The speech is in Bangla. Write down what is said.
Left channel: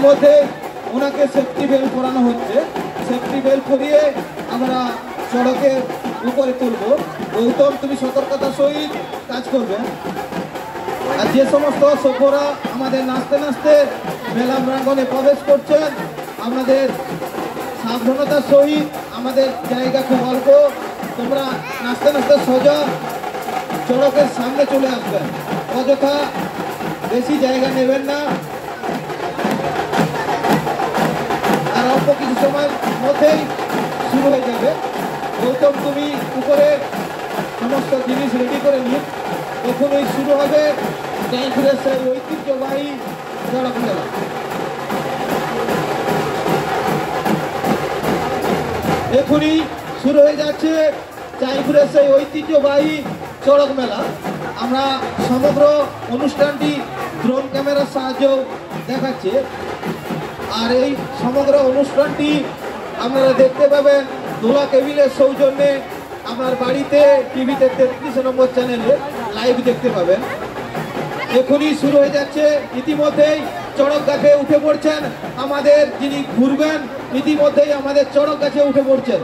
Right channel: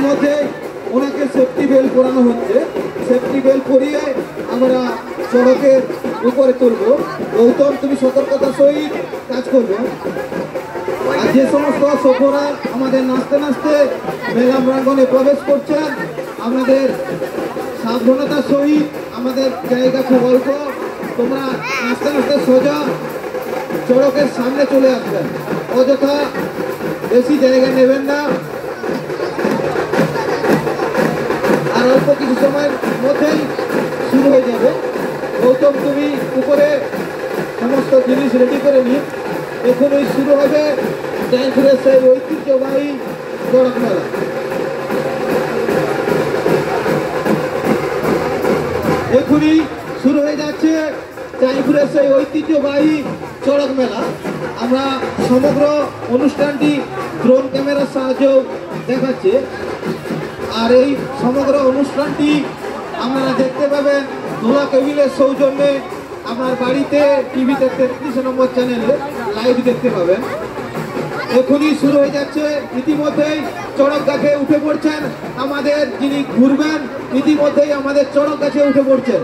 ইতিমধ্যে ওনাকে সেফটি বেল্ট পরানো হচ্ছে। সেফটি বেল্ট পরিয়ে আমরা সড়কের উপরে করব। গৌতম, তুমি সতর্কতার সহিত কাজ করবে। আর যে সমস্ত সফররা আমাদের নাচতে নাচতে মেলা প্রাঙ্গণে প্রবেশ করছেন, আমাদের সাবধানতার সহিত আমাদের জায়গা খুব অল্প, তোমরা নাচতে নাচতে সোজা সড়কের সামনে চলে আসবেন, অযথা বেশি জায়গা নেবেন না। আর অল্প কিছু সময়ের মধ্যেই শুরু হয়ে যাবে। গৌতম, তুমি উপরে সমস্ত জিনিস রেডি করে নিন। এখনই শুরু হবে জয়পুরের সেই ঐতিহ্যবাহী চড়ক মেলা। এখনই শুরু হয়ে যাচ্ছে জয়পুরের সেই ঐতিহ্যবাহী চড়ক মেলা। আমরা সমগ্র অনুষ্ঠানটি ড্রোন ক্যামেরার সাহায্যে দেখাচ্ছি। আর এই সমগ্র অনুষ্ঠানটি আপনারা দেখতে পাবেন নোলা কেবিলের সৌজন্যে। আমার বাড়িতে টিভিতে 33 নম্বর চ্যানেলে লাইভ দেখতে পাবেন। এখনই শুরু হয়ে যাচ্ছে। ইতিমধ্যেই চড়ক গাছে উঠে পড়ছেন আমাদের যিনি ঘুরবেন, ইতিমধ্যেই আমাদের চড়ক গাছে উঠে পড়ছেন।